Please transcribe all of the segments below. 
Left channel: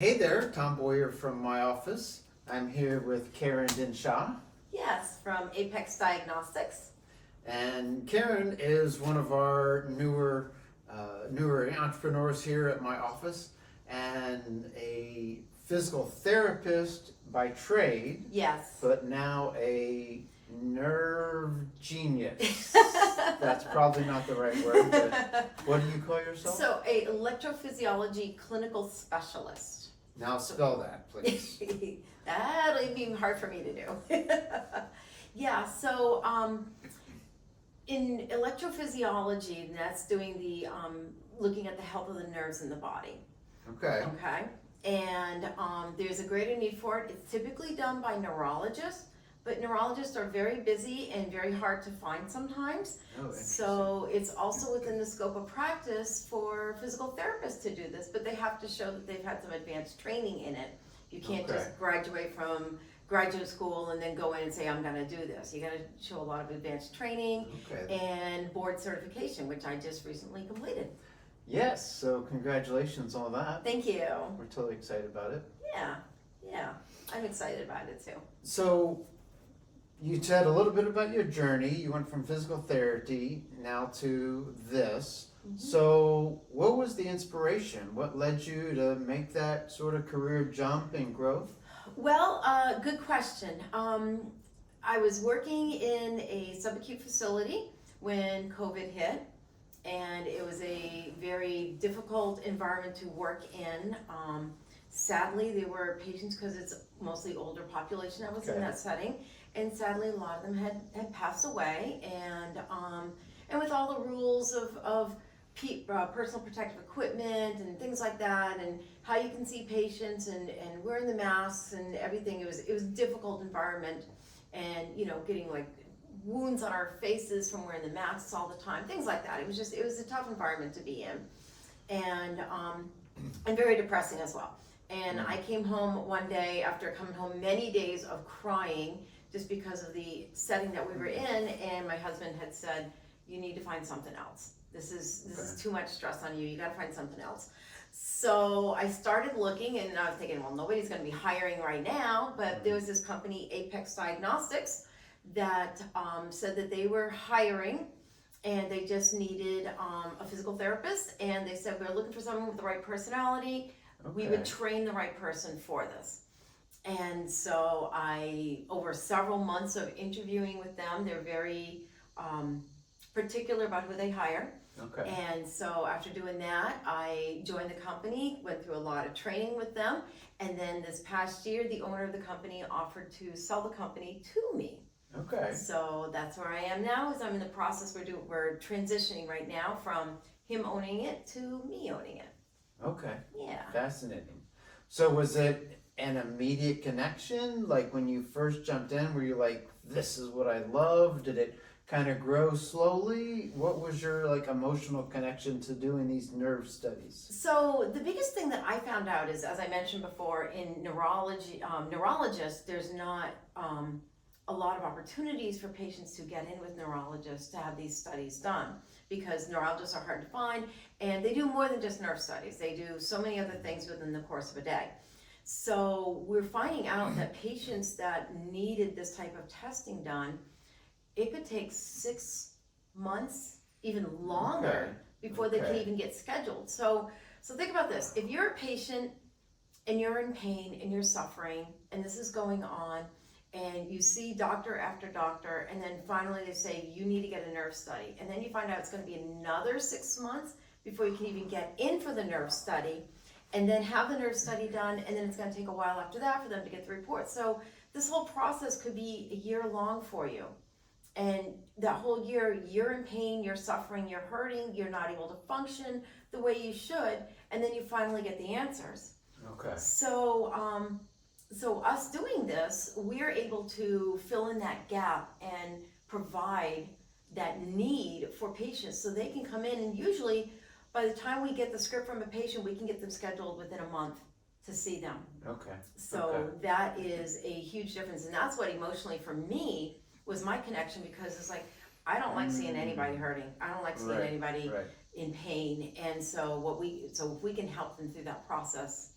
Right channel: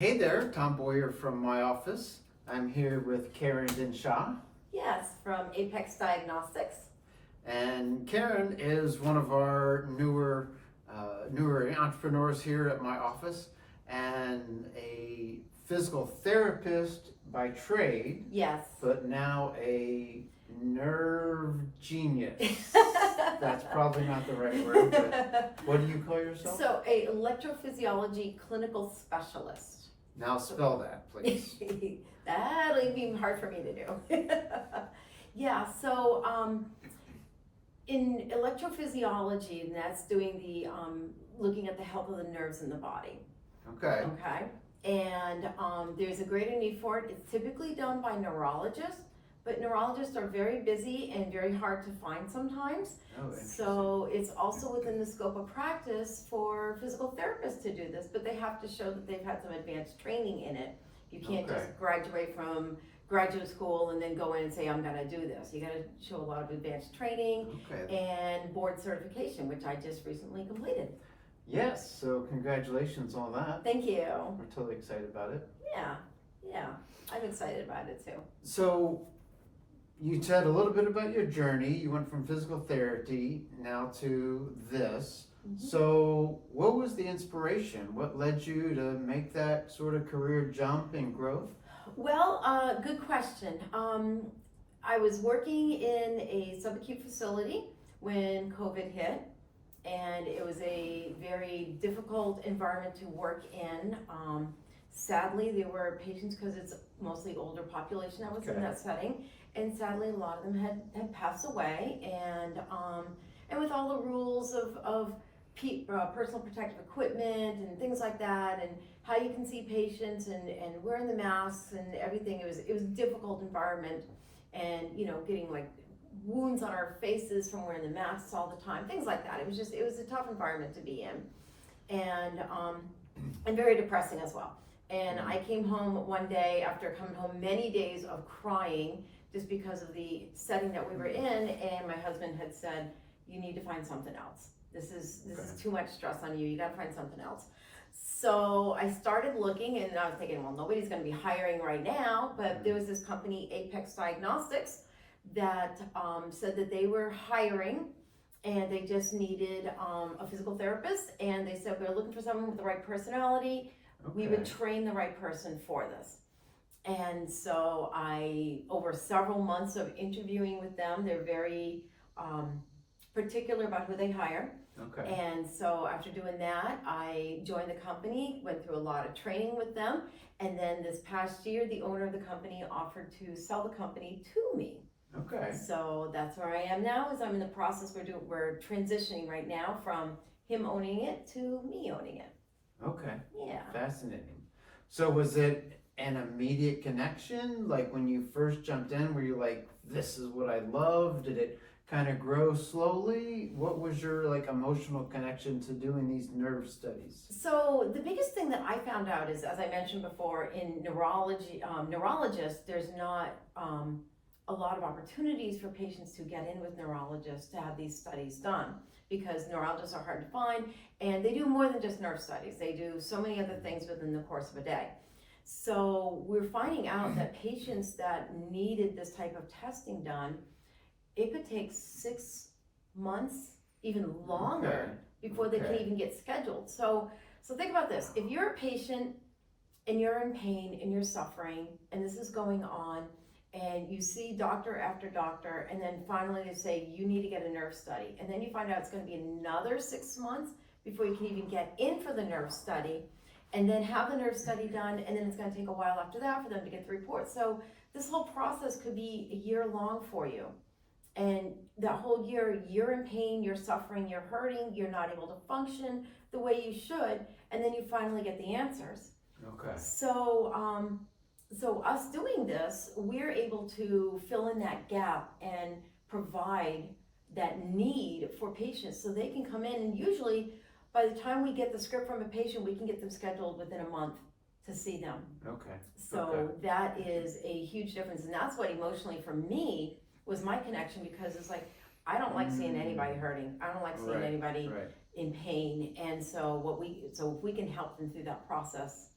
Hey there, Tom Boyer from my office. I'm here with Caren Dinshah. Yes, from Apex Diagnostics. And Caren is one of our newer entrepreneurs here at my office and a physical therapist by trade, Yes. but now a nerve genius. That's probably not the right word, but what do you call yourself? So, a electrophysiology clinical specialist. Now spell that, please. That'll be hard for me to do. Yeah, so in electrophysiology, and that's doing the looking at the health of the nerves in the body. Okay. Okay. And there's a greater need for it. It's typically done by neurologists, but neurologists are very busy and very hard to find sometimes. Oh, So it's also within the scope of practice for physical therapists to do this, but they have to show that they've had some advanced training in it. You can't Okay. just graduate from graduate school and then go in and say, I'm gonna do this. You gotta show a lot of advanced training Okay. and board certification, which I just recently completed. Yes, so congratulations on that. Thank you. We're totally excited about it. Yeah, I'm excited about it too. So you said a little bit about your journey. You went from physical therapy now to this. So what was the inspiration? What led you to make that sort of career jump and growth? Well, good question. I was working in a subacute facility when COVID hit, and it was a very difficult environment to work in. Sadly, there were patients, because it's mostly older population that was in Okay. that setting, and sadly, a lot of them had passed away. And with all the rules of personal protective equipment and things like that, and how you can see patients and wearing the masks and everything, it was a difficult environment, and getting like wounds on our faces from wearing the masks all the time, things like that. It was a tough environment to be in, and very depressing as well. And I came home one day after coming home many days of crying just because of the setting that we were in, and my husband had said, you need to find something else. This is too much stress on you. You got to find something else. So I started looking, and I was thinking, well, nobody's going to be hiring right now, but there was this company, Apex Diagnostics, that said that they were hiring, and they just needed a physical therapist, and they said, we're looking for someone with the right personality. We would train the right person for this. And so over several months of interviewing with them, they're very particular about who they hire. Okay. And so after doing that, I joined the company, went through a lot of training with them, and then this past year, the owner of the company offered to sell the company to me. Okay. So that's where I am now, is I'm in the process, we're transitioning right now from him owning it to me owning it. Okay. Yeah. Fascinating. So was it an immediate connection? Like when you first jumped in, were you like, this is what I love? Did it kind of grow slowly? What was your emotional connection to doing these nerve studies? So the biggest thing that I found out is, as I mentioned before, in neurology, neurologists, there's not a lot of opportunities for patients to get in with neurologists to have these studies done, because neurologists are hard to find, and they do more than just nerve studies. They do so many other things within the course of a day. So we're finding out that patients that needed this type of testing done, it could take 6 months, even longer, before they can even get scheduled. So think about this. If you're a patient and you're in pain and you're suffering and this is going on, and you see doctor after doctor, and then finally they say you need to get a nerve study, and then you find out it's going to be another 6 months before you can even get in for the nerve study, and then have the nerve study done, and then it's going to take a while after that for them to get the report. So this whole process could be a year long for you. And that whole year, you're in pain, you're suffering, you're hurting, you're not able to function the way you should, and then you finally get the answers. Okay. So us doing this, we're able to fill in that gap and provide that need for patients so they can come in, and usually by the time we get the script from a patient, we can get them scheduled within a month to see them. Okay. So that is a huge difference, and that's what emotionally for me was my connection, because it's like, I don't like seeing anybody hurting. I don't like seeing anybody in pain. And so if we can help them through that process,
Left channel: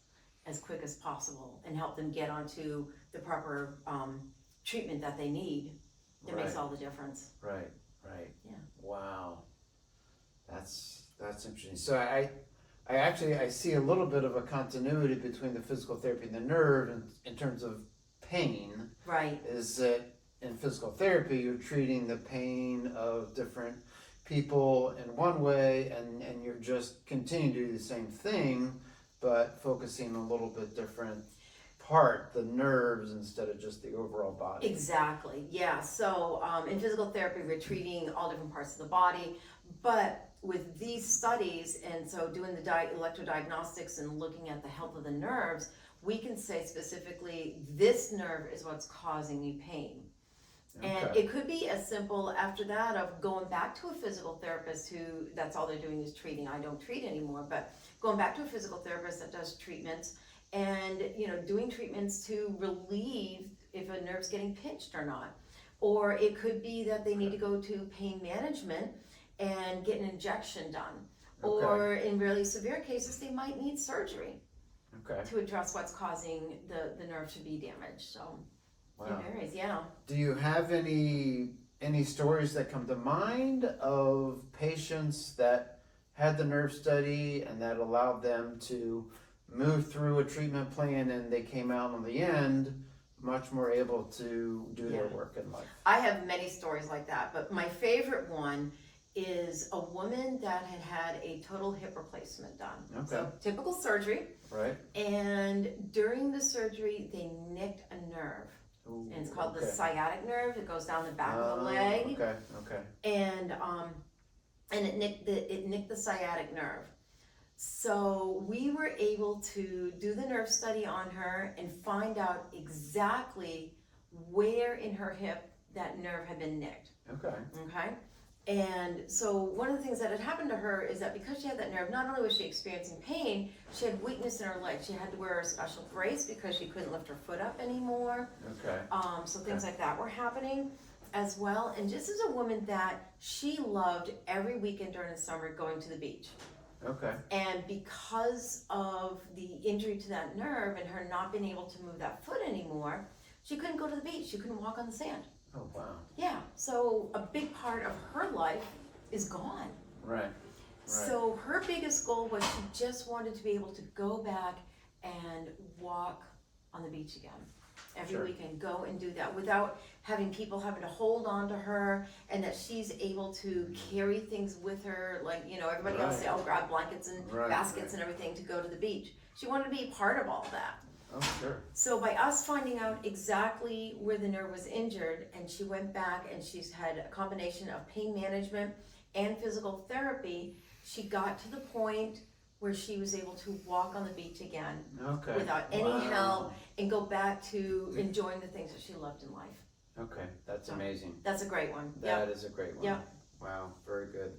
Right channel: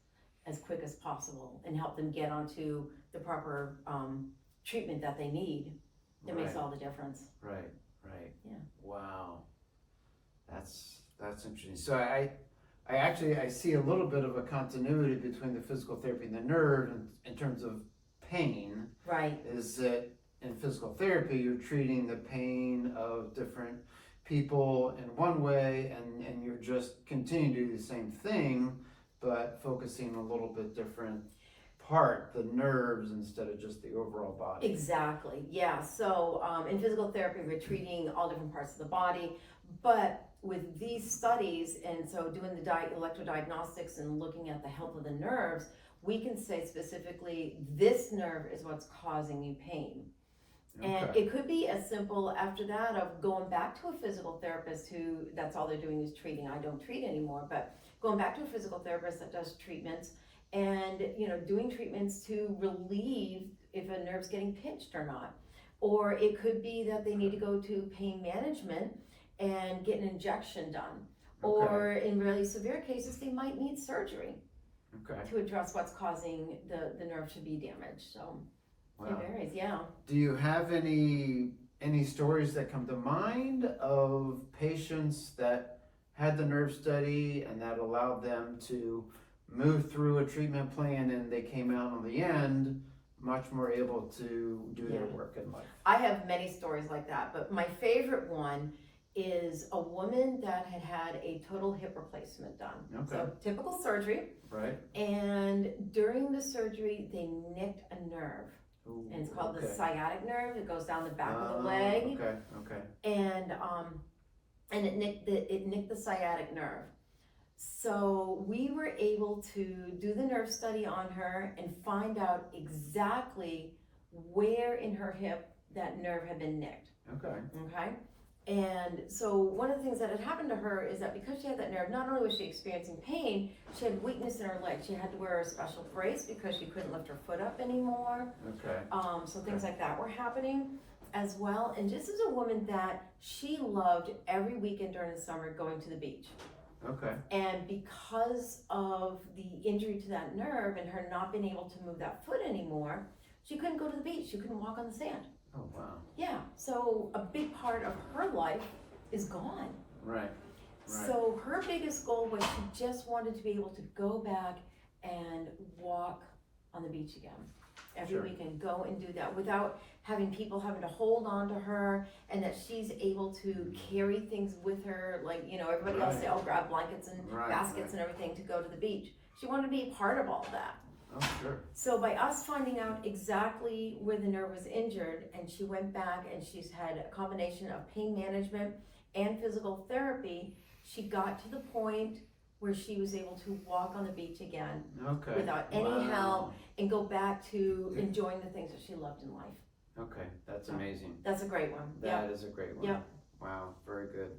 as quick as possible and help them get onto the proper treatment that they need. That makes all the difference. Right. Yeah. Wow. That's interesting. So I see a little bit of a continuity between the physical therapy and the nerve in terms of pain. Right. Is that in physical therapy you're treating the pain of different people in one way, and you're just continuing to do the same thing, but focusing a little bit different part, the nerves, instead of just the overall body. Exactly. Yeah. So in physical therapy, we're treating all different parts of the body, but with these studies, and so doing the electrodiagnostics and looking at the health of the nerves, we can say specifically this nerve is what's causing you pain. And it could be as simple after that of going back to a physical therapist who that's all they're doing is treating. I don't treat anymore, but going back to a physical therapist that does treatments and doing treatments to relieve if a nerve's getting pinched or not. Or it could be that they need to go to pain management and get an injection done. Or in really severe cases, they might need surgery to address what's causing the nerve to be damaged. So it varies, yeah. Do you have any stories that come to mind of patients that had the nerve study and that allowed them to move through a treatment plan and they came out on the end much more able to do their work in life? I have many stories like that, but my favorite one is a woman that had a total hip replacement done. So typical surgery. Right. And during the surgery, they nicked a nerve. Ooh, and it's called the sciatic nerve. It goes down the back of the leg. And it nicked the sciatic nerve. So we were able to do the nerve study on her and find out exactly where in her hip that nerve had been nicked. Okay. And so one of the things that had happened to her is that because she had that nerve, not only was she experiencing pain, she had weakness in her leg. She had to wear a special brace because she couldn't lift her foot up anymore. So things like that were happening as well. And just as a woman that she loved every weekend during the summer going to the beach. And because of the injury to that nerve and her not being able to move that foot anymore, she couldn't go to the beach. She couldn't walk on the sand. Oh, wow. Yeah, so a big part of her life is gone. Right. So her biggest goal was she just wanted to be able to go back and walk on the beach again. Every weekend, go and do that without having people having to hold on to her, and that she's able to carry things with her, like, everybody else say, oh, grab blankets and baskets and everything to go to the beach. She wanted to be a part of all that. Oh, sure. So by us finding out exactly where the nerve was injured, and she went back and she's had a combination of pain management and physical therapy, she got to the point where she was able to walk on the beach again without any help and go back to enjoying the things that she loved in life. Okay, that's amazing. That's a great one. That is a great one. Yep. Wow, very good.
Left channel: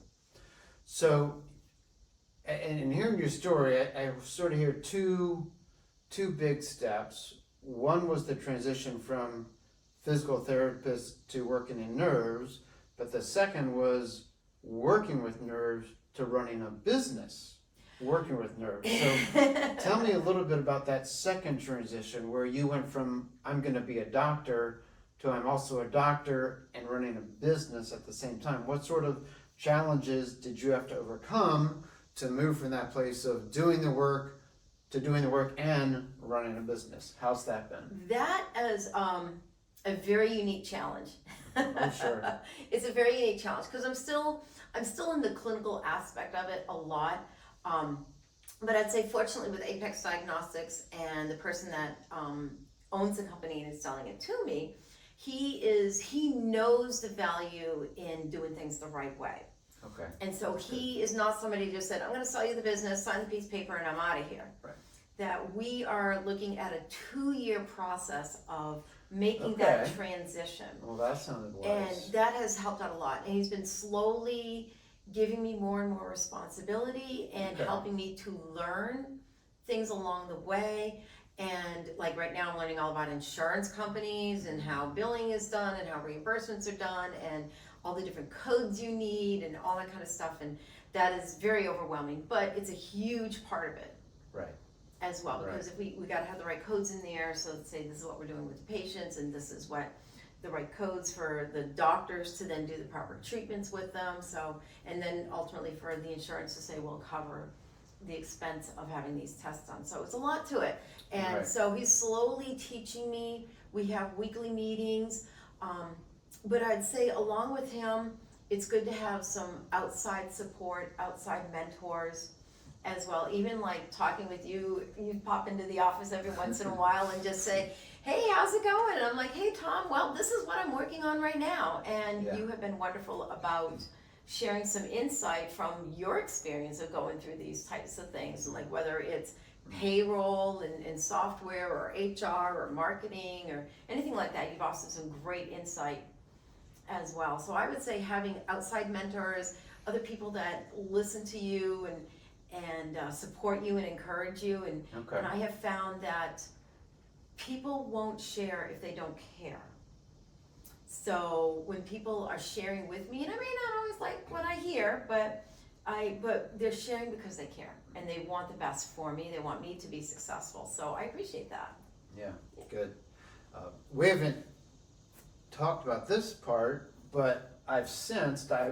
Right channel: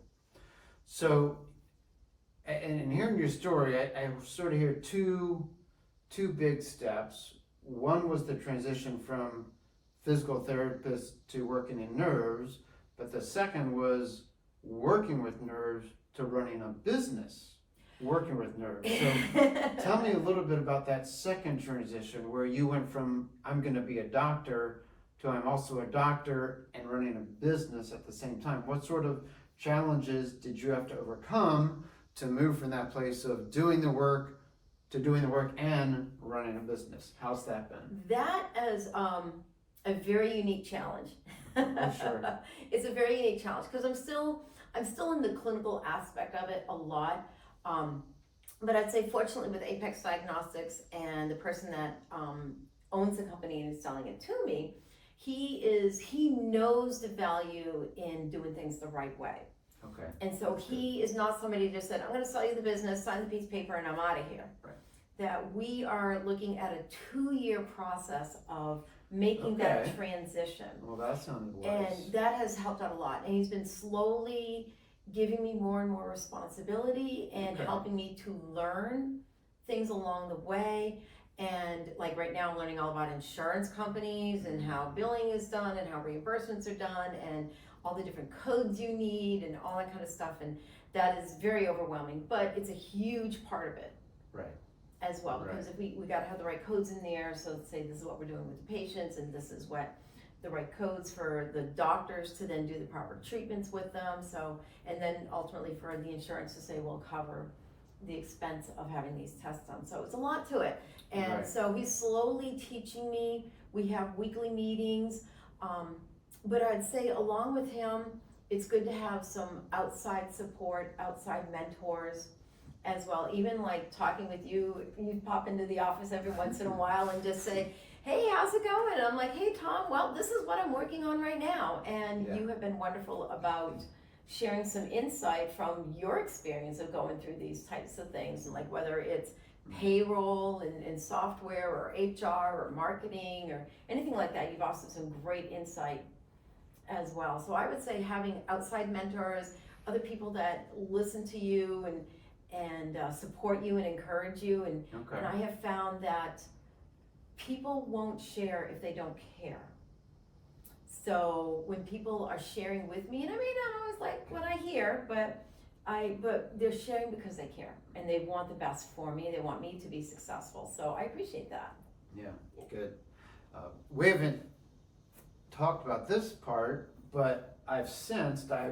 So, and hearing your story, I sort of hear two big steps. One was the transition from physical therapist to working in nerves, but the second was working with nerves to running a business working with nerves. So tell me a little bit about that second transition where you went from I'm going to be a doctor to I'm also a doctor and running a business at the same time. What sort of challenges did you have to overcome to move from that place of doing the work to doing the work and running a business? How's that been? That is a very unique challenge. Oh, sure. It's a very unique challenge because I'm still in the clinical aspect of it a lot. But I'd say fortunately with Apex Diagnostics and the person that owns the company and is selling it to me, he knows the value in doing things the right way. Okay. And so he is not somebody who just said, I'm going to sell you the business, sign the piece of paper, and I'm out of here. Right. That we are looking at a 2-year process of making that transition. Well, that sounded wise. And that has helped out a lot. And he's been slowly giving me more and more responsibility and helping me to learn things along the way. And like right now I'm learning all about insurance companies and how billing is done and how reimbursements are done and all the different codes you need and all that kind of stuff. And that is very overwhelming, but it's a huge part of it. Right. as well, because if we gotta have the right codes in there, so let's say this is what we're doing with the patients, and this is what the right codes for the doctors to then do the proper treatments with them, so, and then ultimately for the insurance to say, we'll cover the expense of having these tests done, so it's a lot to it. And so he's slowly teaching me, we have weekly meetings, but I'd say along with him, it's good to have some outside support, outside mentors as well. Even like talking with you, you pop into the office every once in a while and just say, hey, how's it going? And I'm like, hey, Tom, well, this is what I'm working on right now. And you have been wonderful about sharing some insight from your experience of going through these types of things, like whether it's payroll and software or HR or marketing or anything like that. You've also some great insight as well. So I would say having outside mentors, other people that listen to you and support you and encourage you, and I have found that people won't share if they don't care. So when people are sharing with me, and I may not always like what I hear, but they're sharing because they care and they want the best for me. They want me to be successful. So I appreciate that. Yeah, good. We haven't talked about this part, but I've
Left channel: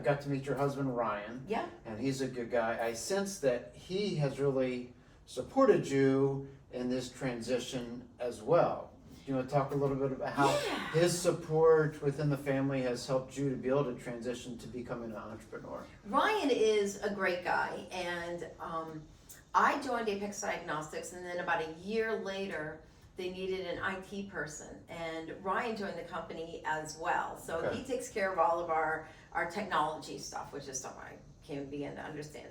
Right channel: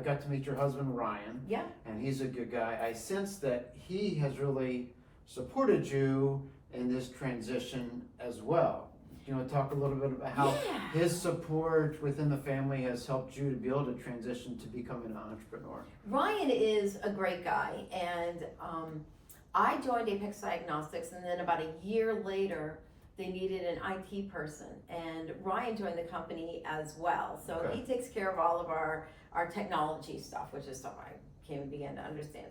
got to meet your husband, Ryan. Yeah. And he's a good guy. I sense that he has really supported you in this transition as well. Do you want to talk a little bit about how his support within the family has helped you to be able to transition to becoming an entrepreneur? Ryan is a great guy, and I joined Apex Diagnostics, and then about a year later, they needed an IT person, and Ryan joined the company as well. So he takes care of all of our technology stuff, which is stuff I can't even begin to understand.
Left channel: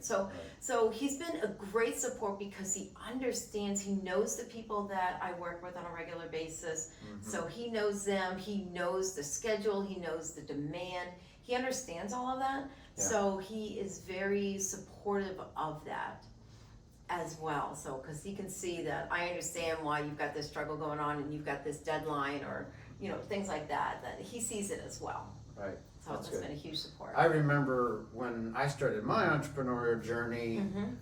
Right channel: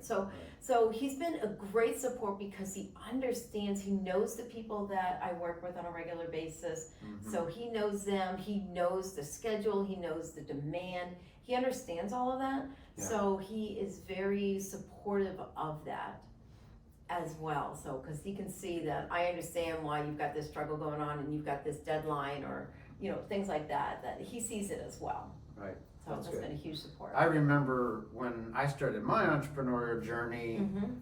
So he's been a great support because he understands, he knows the people that I work with on a regular basis. So he knows them, he knows the schedule, he knows the demand, he understands all of that. So he is very supportive of that as well. So, because he can see that I understand why you've got this struggle going on and you've got this deadline or, things like that, that he sees it as well. Right. So that's been a huge support. I remember when I started my entrepreneurial journey,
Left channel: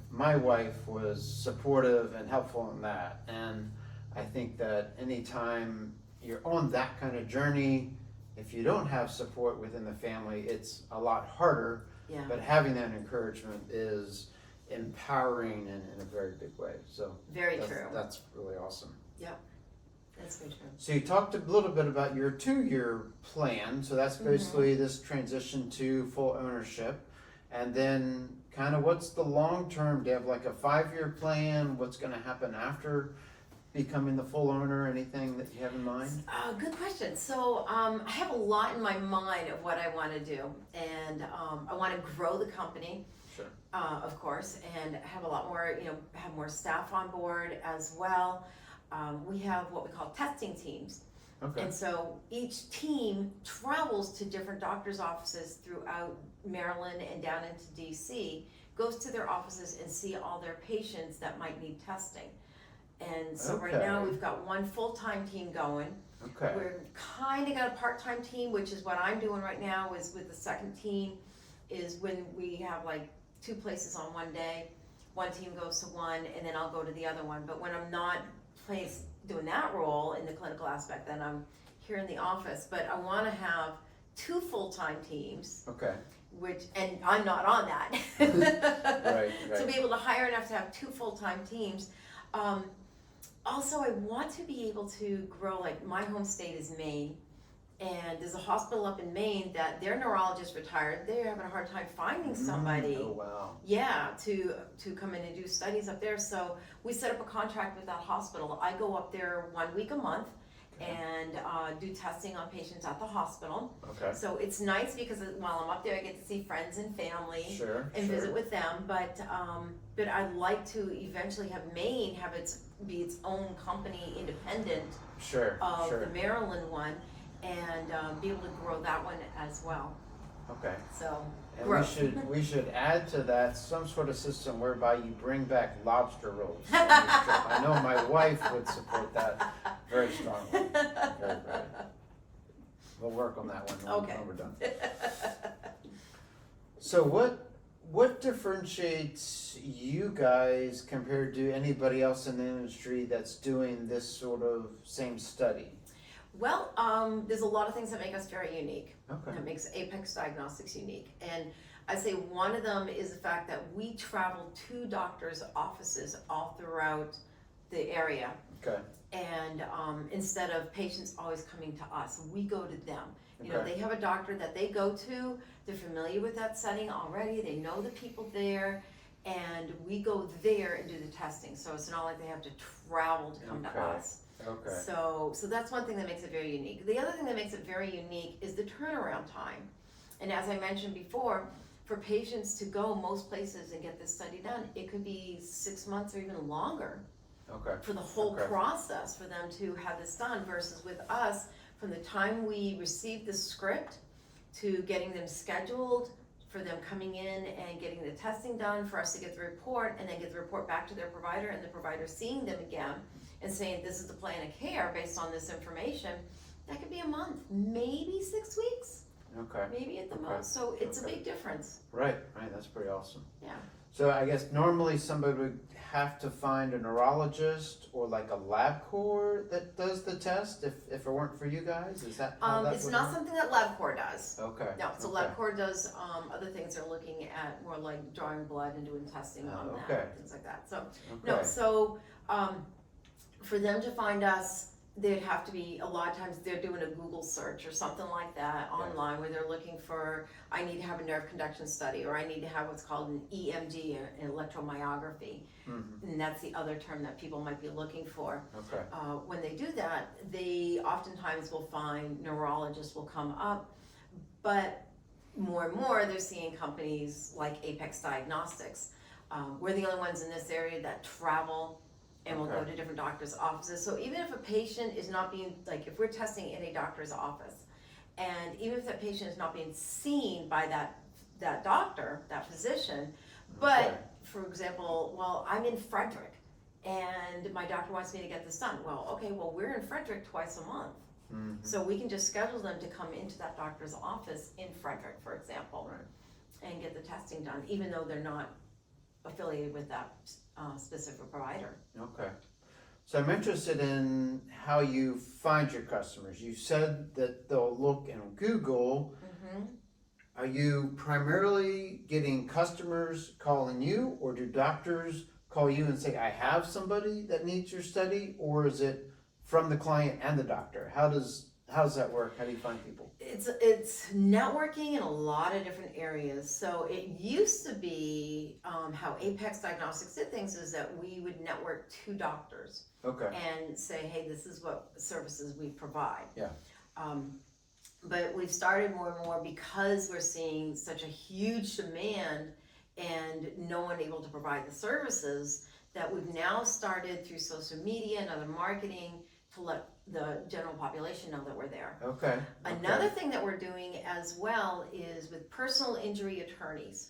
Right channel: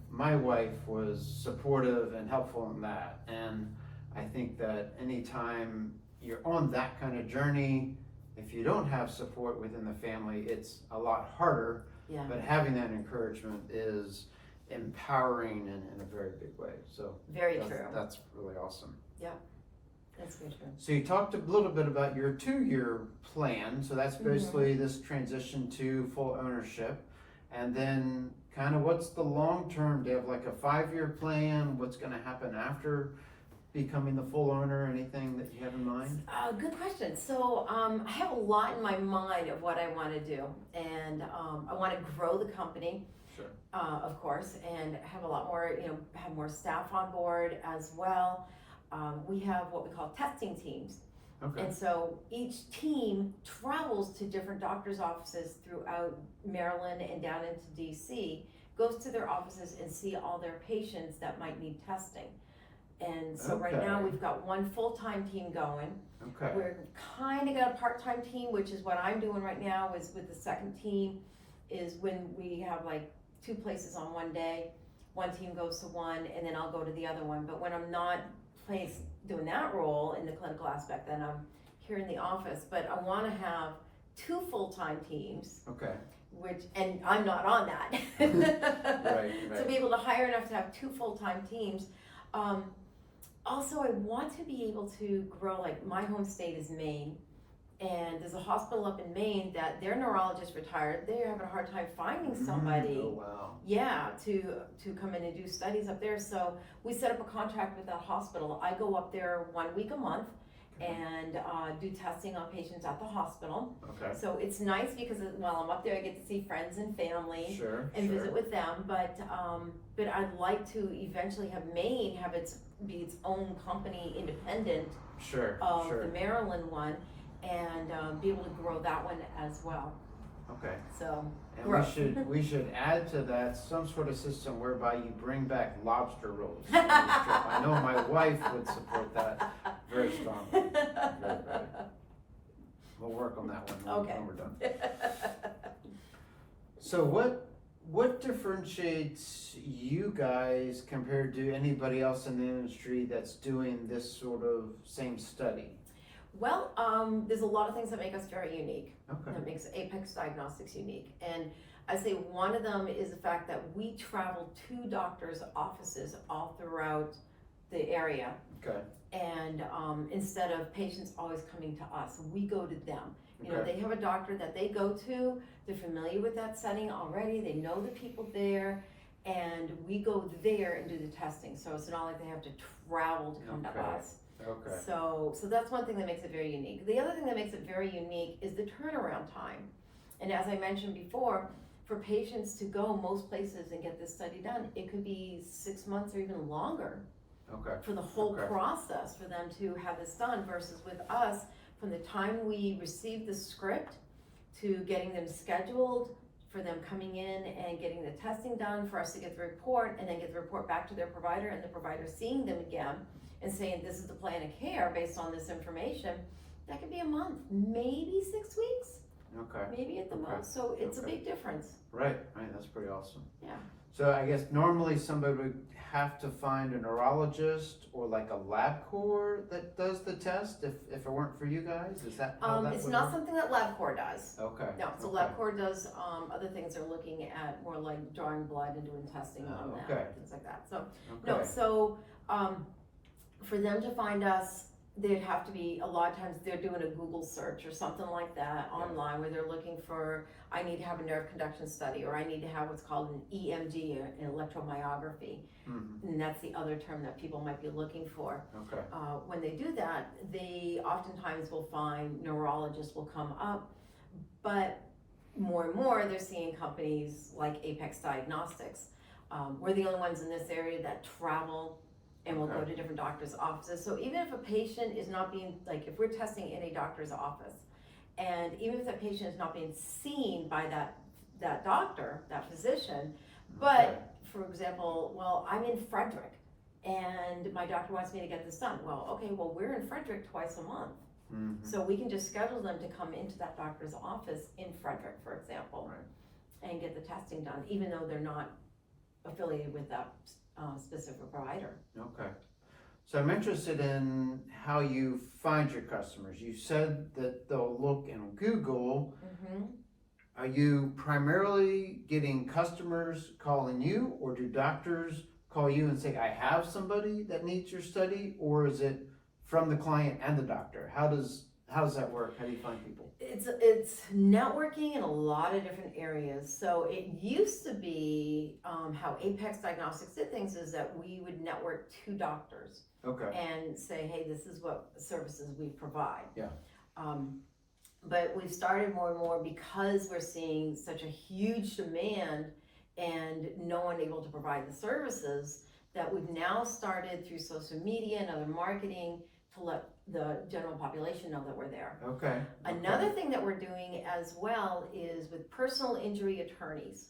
my wife was supportive and helpful in that. And I think that anytime you're on that kind of journey, if you don't have support within the family, it's a lot harder. Yeah. But having that encouragement is empowering in a very big way. So very true. That's really awesome. Yep. That's very true. So you talked a little bit about your 2-year plan. So that's basically this transition to full ownership. And then kind of what's the long term? Do you have like a 5-year plan? What's going to happen after becoming the full owner? Anything that you have in mind? Good question. So I have a lot in my mind of what I want to do. And I want to grow the company. Sure. Of course, and have a lot more, have more staff on board as well. We have what we call testing teams. Okay. And so each team travels to different doctor's offices throughout Maryland and down into DC, goes to their offices and see all their patients that might need testing. And so right now we've got one full-time team going. Okay. We're kind of got a part-time team, which is what I'm doing right now is with the second team, is when we have like 2 places on one day, one team goes to one and then I'll go to the other one. But when I'm not doing that role in the clinical aspect, then I'm here in the office. But I want to have 2 full-time teams. Okay. And I'm not on that. Right. So be able to hire enough to have 2 full-time teams. Also, I want to be able to grow, like my home state is Maine. And there's a hospital up in Maine that their neurologist retired. They're having a hard time finding somebody. Oh, wow. Yeah, to come in and do studies up there. So we set up a contract with that hospital. I go up there 1 week a month and do testing on patients at the hospital. Okay. So it's nice because while I'm up there, I get to see friends and family and visit with them. But I'd like to eventually have Maine be its own company, independent of the Maryland one. And be able to grow that one as well. Okay. So and we should add to that some sort of system whereby you bring back lobster rolls. I know my wife would support that very strongly. Very good. We'll work on that one when we're done. So what differentiates you guys compared to anybody else in the industry that's doing this sort of same study? Well, there's a lot of things that make us very unique. Okay. That makes Apex Diagnostics unique. And I say one of them is the fact that we travel to doctors' offices all throughout the area. Okay. And instead of patients always coming to us, we go to them. You know, Okay. they have a doctor that they go to, they're familiar with that setting already, they know the people there, and we go there and do the testing. So it's not like they have to travel to come to Okay. us. Okay. So that's one thing that makes it very unique. The other thing that makes it very unique is the turnaround time. And as I mentioned before, for patients to go most places and get this study done, it could be 6 months or even longer Okay. for the whole Okay. process for them to have this done, versus with us, from the time we receive the script to getting them scheduled, for them coming in and getting the testing done, for us to get the report and then get the report back to their provider, and the provider seeing them again and saying this is the plan of care based on this information, that could be a month, maybe 6 weeks, Okay. maybe at the Okay. most. So it's a Okay. big difference. Right. Right. That's pretty awesome. Yeah. So I guess normally somebody would have to find a neurologist or like a LabCorp that does the test if it weren't for you guys? Is that how that It's would not work? something that LabCorp does. Okay. No, so Okay. LabCorp does other things. They're looking at more like drawing blood and doing testing on that, okay. things like that. So Okay. no, so for them to find us, they'd have to be, a lot of times they're doing a Google search or something like that online, where they're looking for, I need to have a nerve conduction study, or I need to have what's called an EMG, an electromyography. Mhm. And that's the other term that people might be looking for. Okay. When they do that, they oftentimes will find neurologists will come up, but more and more they're seeing companies like Apex Diagnostics. We're the only ones in this area that travel and will go Okay. to different doctors' offices. So even if a patient is not being, like if we're testing in a doctor's office, and even if that patient is not being seen by that doctor, that physician, but Okay. for example, well, I'm in Frederick and my doctor wants me to get this done. Well, okay, well, we're in Frederick twice a month. Mhm. So we can just schedule them to come into that doctor's office in Frederick, for example, Right. and get the testing done, even though they're not affiliated with that specific provider. Okay. So I'm interested in how you find your customers. You said that they'll look in Google. Mm-hmm. Are you primarily getting customers calling you, or do doctors call you and say, I have somebody that needs your study, or is it from the client and the doctor? How does that work? How do you find people? It's networking in a lot of different areas. So it used to be how Apex Diagnostics did things is that we would network to doctors Okay. and say, hey, this is what services we provide. Yeah. But we've started more and more, because we're seeing such a huge demand and no one able to provide the services, that we've now started through social media and other marketing to let the general population know that we're there. Okay. Another thing that we're doing as well is with personal injury attorneys.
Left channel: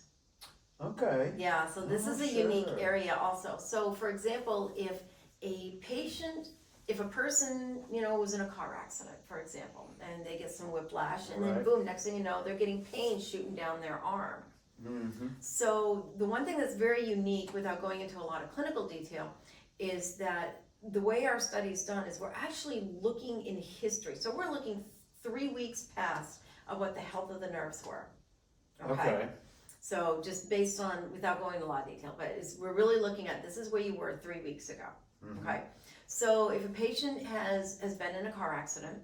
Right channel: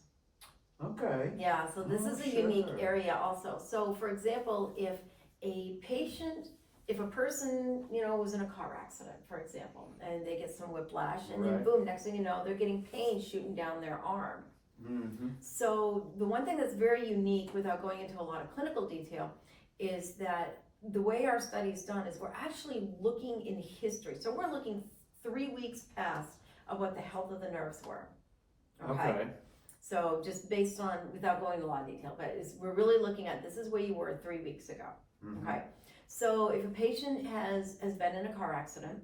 Okay. Yeah, so this is a sure. unique area also. So for example, if a person, was in a car accident, for example, and they get some whiplash, and then Right. boom, next thing you know, they're getting pain shooting down their arm. Mm-hmm. So the one thing that's very unique, without going into a lot of clinical detail, is that the way our study is done is we're actually looking in history. So we're looking 3 weeks past of what the health of the nerves were. Okay. So just based on, without going into a lot of detail, but we're really looking at, this is where you were 3 weeks ago. Mhm. Okay. So if a patient has been in a car accident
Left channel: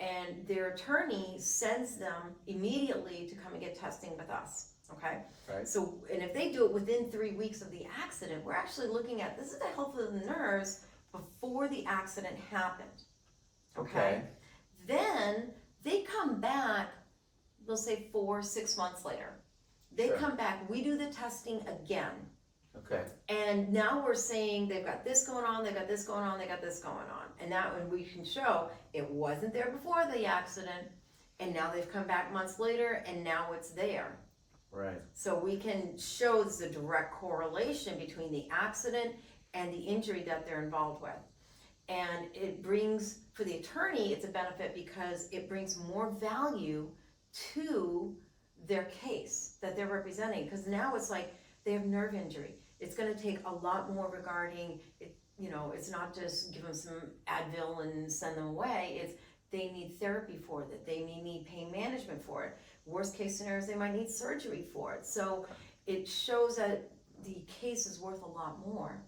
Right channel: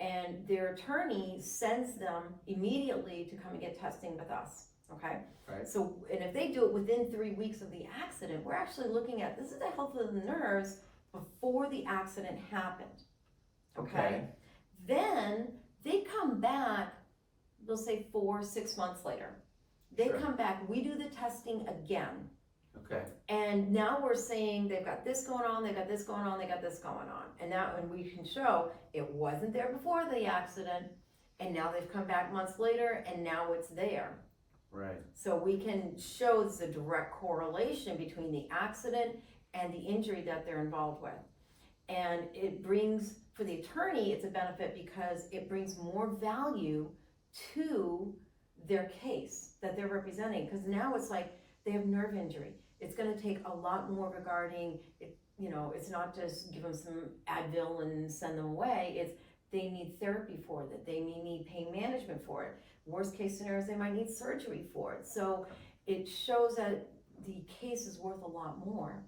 and their attorney sends them immediately to come and get testing with us. Okay. Right. So, and if they do it within 3 weeks of the accident, we're actually looking at, this is the health of the nerves before the accident happened. Okay. Then they come back, we'll say 4-6 months later. They Sure. come back, we do the testing again. Okay. And now we're saying they've got this going on, they've got this going on, they got this going on. And that when we can show it wasn't there before the accident, and now they've come back months later, and now it's there. Right. So we can show the direct correlation between the accident and the injury that they're involved with. And it brings, for the attorney, it's a benefit because it brings more value to their case that they're representing, because now it's like they have nerve injury. It's gonna take a lot more regarding, it's not just give them some Advil and send them away, it's they need therapy for it, they need pain management for it. Worst case scenarios, they might need surgery for it. So it shows that the case is worth a lot more.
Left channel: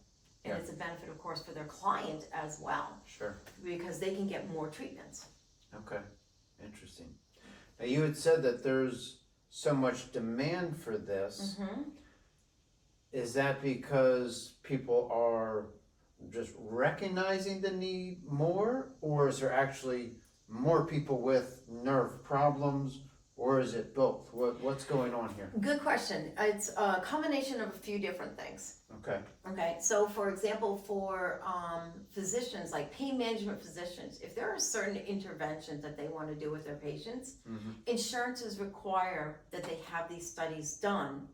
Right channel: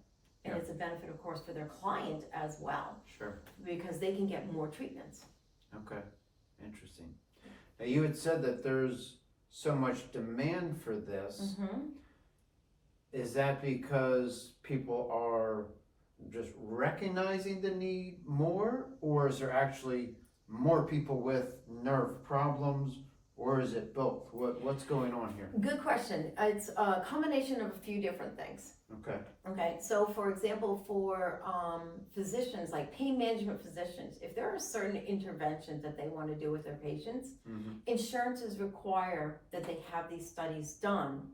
And Yeah. it's a benefit, of course, for their client as well, Sure. because they can get more treatments. Okay. Interesting. Now you had said that there's so much demand for this. Mm-hmm. Is that because people are just recognizing the need more, or is there actually more people with nerve problems, or is it both? What's going on here? Good question. It's a combination of a few different things. Okay. Okay, so for example, for physicians, like pain management physicians, if there are certain interventions that they want to do with their patients, Mm-hmm. insurances require that they have these studies done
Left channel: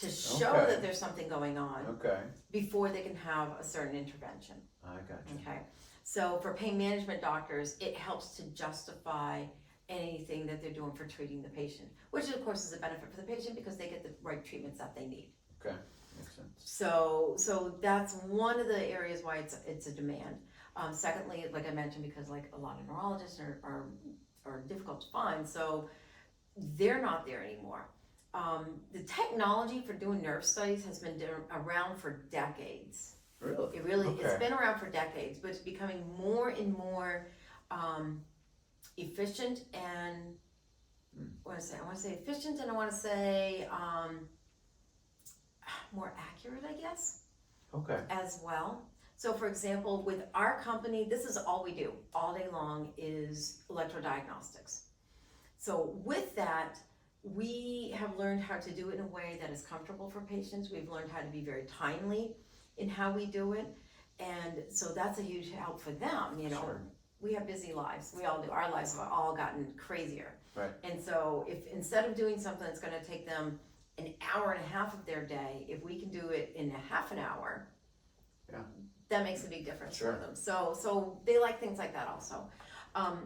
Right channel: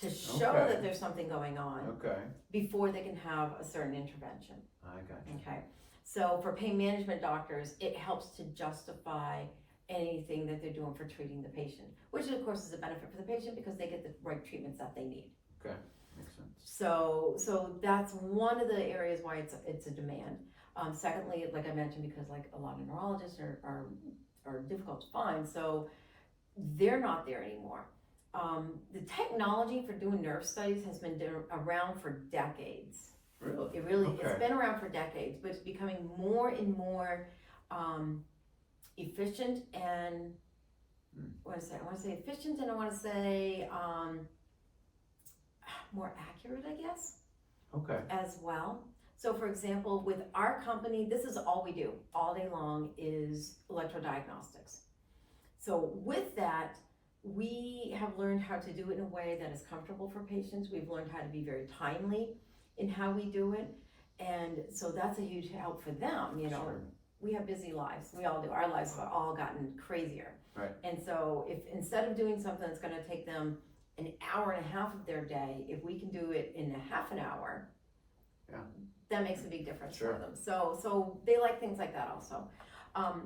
to show Okay. that there's something going on Okay. before they can have a certain intervention. I got you. Okay, so for pain management doctors, it helps to justify anything that they're doing for treating the patient, which of course is a benefit for the patient because they get the right treatments that they need. Okay. Makes sense. So that's one of the areas why it's a demand. Secondly, like I mentioned, because like a lot of neurologists are difficult to find, so they're not there anymore. The technology for doing nerve studies has been around for decades. Really? It's Okay. been around for decades, but it's becoming more and more efficient and I want to say efficient, and I want to say more accurate, I guess, Okay. as well. So for example, with our company, this is all we do all day long is electrodiagnostics. So with that, we have learned how to do it in a way that is comfortable for patients. We've learned how to be very timely in how we do it. And so that's a huge help for them, Sure. We have busy lives. We all do. Our lives have all gotten crazier. Right. And so if instead of doing something that's gonna take them an hour and a half of their day, if we can do it in a half an hour, Yeah. that makes a big difference Sure. for them. So they like things like that also.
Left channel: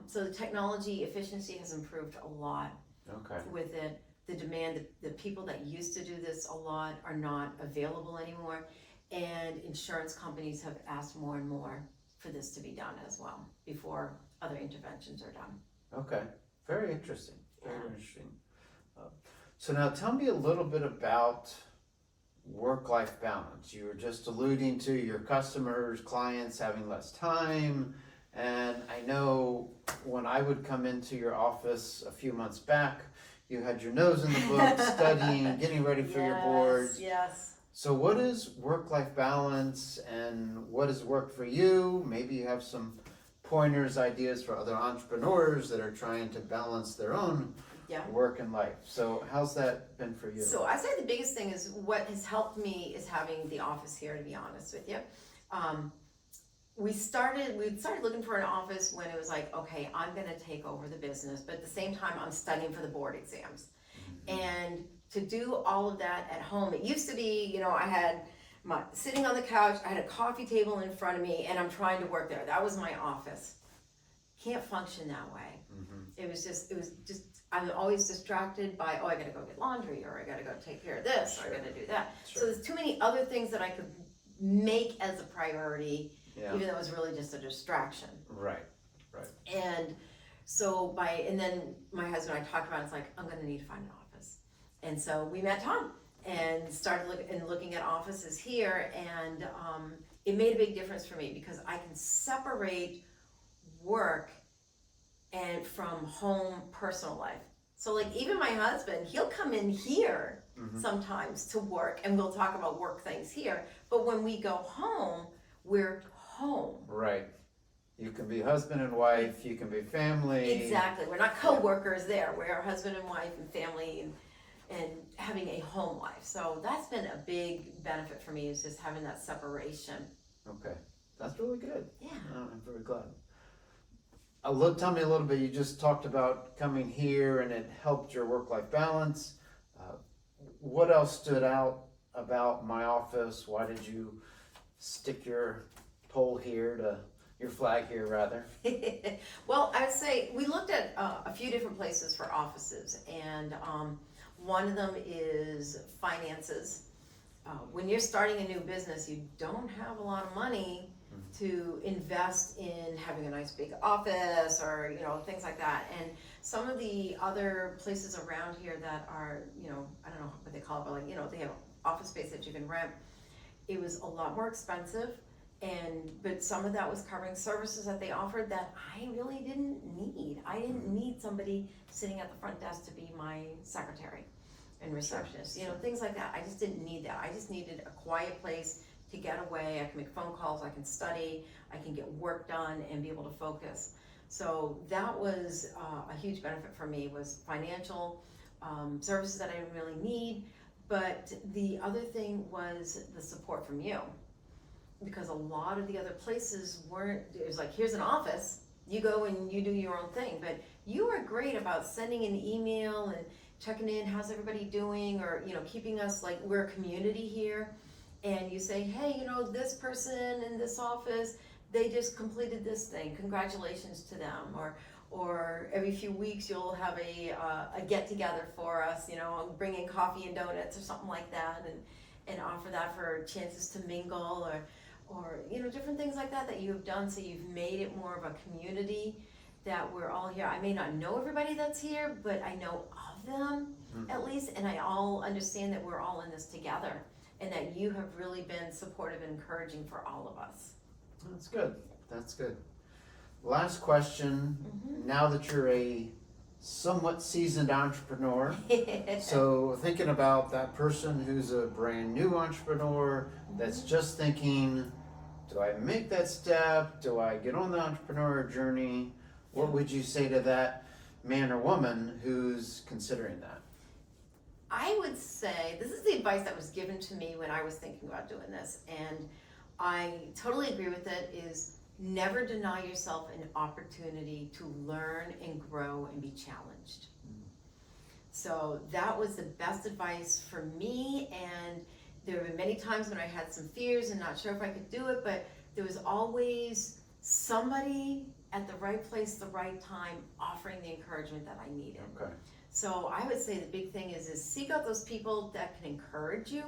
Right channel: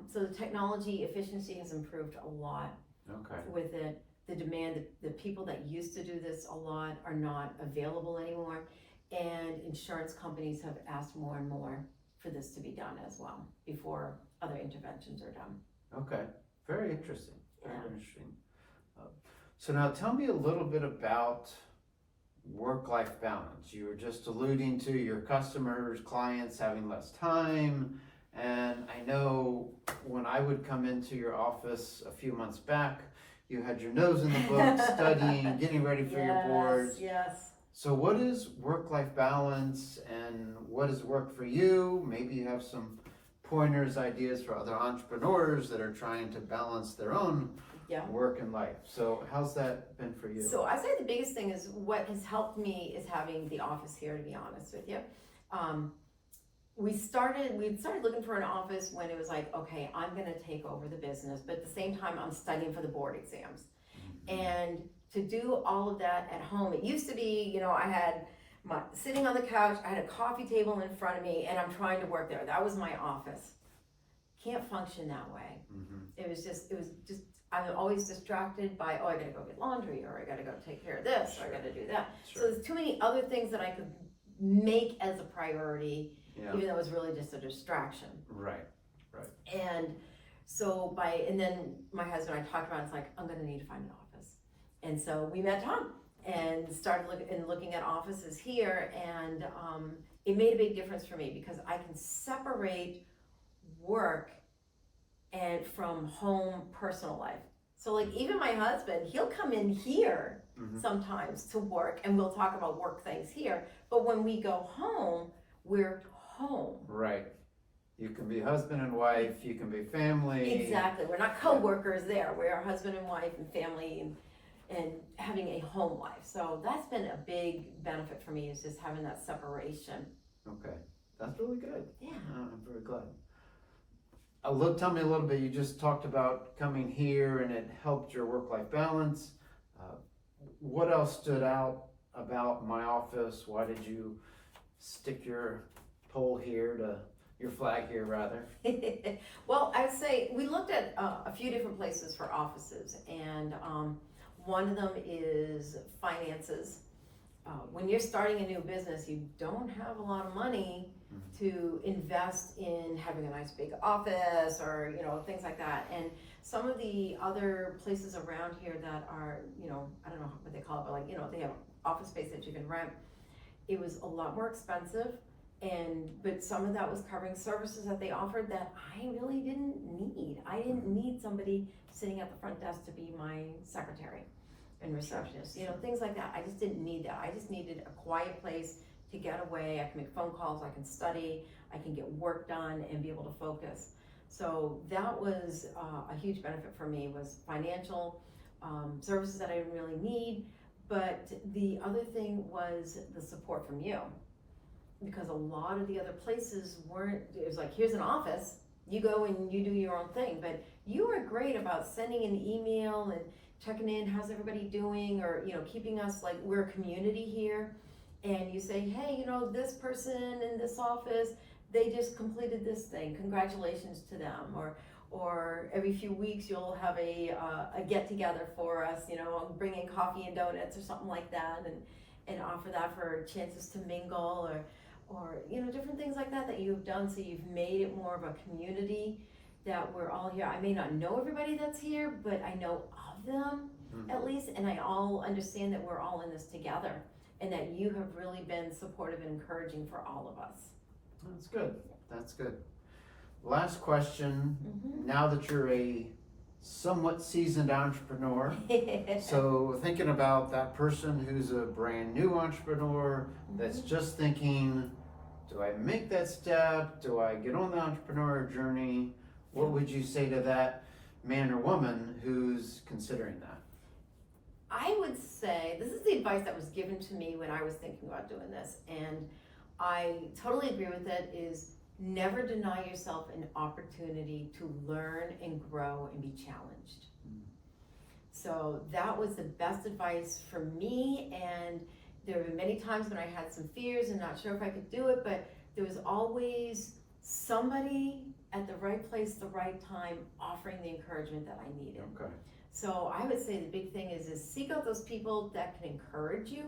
So the technology efficiency has improved a lot Okay. with it. The demand, the people that used to do this a lot are not available anymore. And insurance companies have asked more and more for this to be done as well before other interventions are done. Okay. Very interesting. Very Yeah. interesting. So now tell me a little bit about work-life balance. You were just alluding to your customers, clients having less time. And I know when I would come into your office a few months back, you had your nose in the book, studying, getting ready for your boards. Yes. So what is work-life balance and what has worked for you? Maybe you have some pointers, ideas for other entrepreneurs that are trying to balance their own Yeah. work and life. So how's that been for you? So I say the biggest thing is what has helped me is having the office here, to be honest with you. We started looking for an office when it was like, okay, I'm gonna take over the business, but at the same time, I'm studying for the board exams. And to do all of that at home, it used to be, I had sitting on the couch, I had a coffee table in front of me, and I'm trying to work there. That was my office. Can't function that way. Mm-hmm. It was just, I'm always distracted by, I gotta go get laundry, or I gotta go take care of this, or I gotta do that. So Sure. there's too many other things that I could make as a priority, Yeah. even though it was really just a distraction. Right. And so and then my husband and I talked about it, it's like, I'm gonna need to find an office. And so we met Tom and started looking at offices here, and it made a big difference for me because I can separate work and from home personal life. So like even my husband, he'll come in here Mm-hmm. sometimes to work and we'll talk about work things here. But when we go home, we're home. Right. You can be husband and wife, you can be family. Exactly. We're not co-workers there. We're husband and wife and family and having a home life. So that's been a big benefit for me, is just having that separation. Okay. That's really good. Yeah. I'm very glad. Tell me a little bit, you just talked about coming here and it helped your work-life balance. What else stood out about my office? Why did you stick your pole here to your flag here rather. Well, I would say we looked at a few different places for offices, and one of them is finances. When you're starting a new business, you don't have a lot of money to invest in having a nice big office or, you know, things like that. And some of the other places around here that are, you know, I don't know what they call it, but like, you know, they have office space that you can rent. It was a lot more expensive, but some of that was covering services that they offered that I really didn't need. I didn't need somebody sitting at the front desk to be my secretary and receptionist, you know, things like that. I just didn't need that. I just needed a quiet place to get away. I can make phone calls, I can study, I can get work done and be able to focus. So that was a huge benefit for me, was financial services that I didn't really need. But the other thing was the support from you, because a lot of the other places weren't, it was like, here's an office, you go and you do your own thing. But you were great about sending an email and checking in, how's everybody doing, or, you know, keeping us like, we're a community here. And you say, hey, you know, this person in this office, they just completed this thing, congratulations to them. Or every few weeks you'll have a get together for us, you know, bring in coffee and donuts or something like that, and offer that for chances to mingle, or you know, different things like that that you've done. So you've made it more of a community, that we're all here. I may not know everybody that's here, but I know of them at least, and I all understand that we're all in this together, and that you have really been supportive and encouraging for all of us. That's good. That's good. Last question. Now that you're a somewhat seasoned entrepreneur, so thinking about that person who's a brand new entrepreneur that's just thinking, do I make that step? Do I get on the entrepreneur journey? What would you say to that man or woman who's considering that? I would say, this is the advice that was given to me when I was thinking about doing this, and I totally agree with it, is never deny yourself an opportunity to learn and grow and be challenged. So that was the best advice for me, and there have been many times when I had some fears and not sure if I could do it, but there was always somebody at the right place, the right time, offering the encouragement that I needed. Okay. So I would say the big thing is seek out those people that can encourage you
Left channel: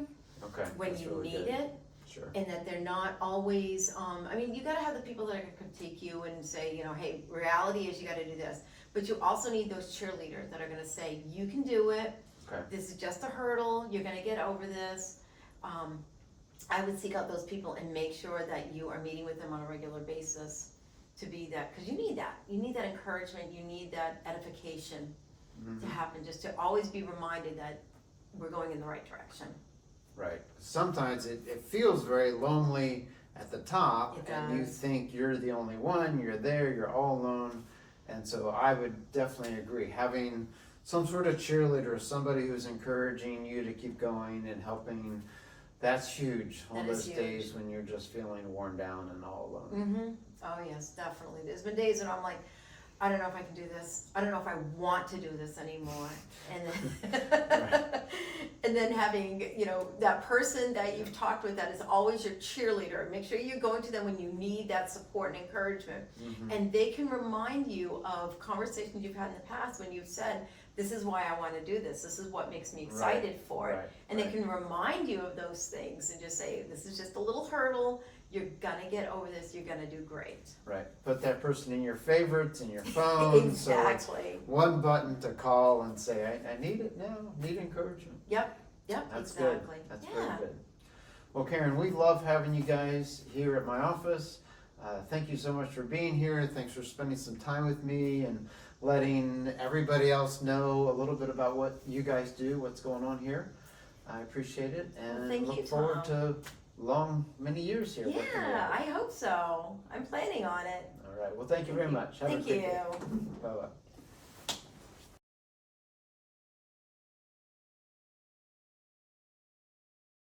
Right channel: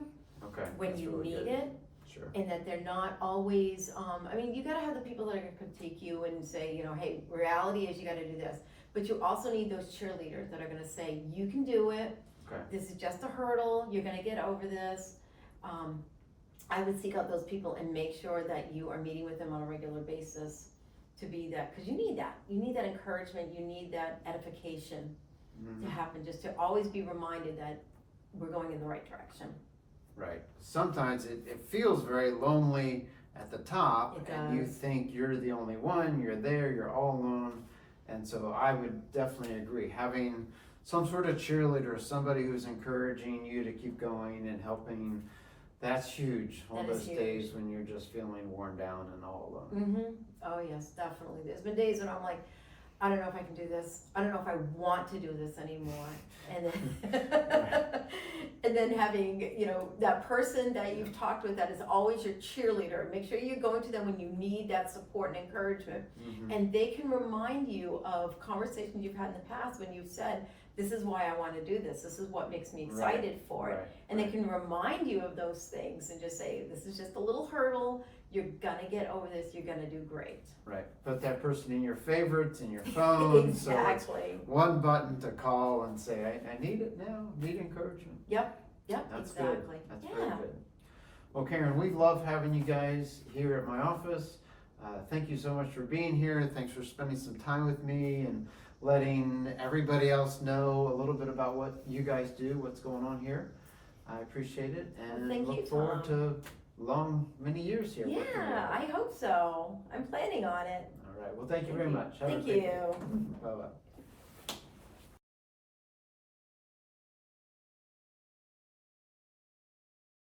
when you really need good. it. Sure. And that they're not always, I mean, you gotta have the people that are gonna critique you and say, you know, hey, reality is you gotta do this. But you also need those cheerleaders that are gonna say, you can do it. Okay. This is just a hurdle, you're gonna get over this. I would seek out those people and make sure that you are meeting with them on a regular basis to be that, because you need that. You need that encouragement, you need that edification to happen, just to always be reminded that we're going in the right direction. Right. Sometimes it feels very lonely at the top, and you think you're the only one, you're there, you're all alone. And so I would definitely agree. Having some sort of cheerleader, somebody who's encouraging you to keep going and helping, that's huge on those days when you're just feeling worn down and all alone. Oh yes, definitely. There's been days when I'm like, I don't know if I can do this. I don't know if I want to do this anymore. And then, and then having, you know, that person that you've talked with that is always your cheerleader. Make sure you're going to them when you need that support and encouragement. And they can remind you of conversations you've had in the past when you've said, this is why I want to do this. This is what makes me excited for it. And they can remind you of those things and just say, this is just a little hurdle. You're gonna get over this. You're gonna do great. Right. Put that person in your favorites, in your phone. Exactly. So it's one button to call and say, I need it now. Need encouragement. Yep. That's exactly. Good. That's very good. Well, Caren, we love having you guys here at my office. Thank you so much for being here. Thanks for spending some time with me and letting everybody else know a little bit about what you guys do, what's going on here. I appreciate it, and look forward to many years here. Yeah, I hope so. I'm planning on it. All right. Well, thank you very much. Thank you. Bye-bye.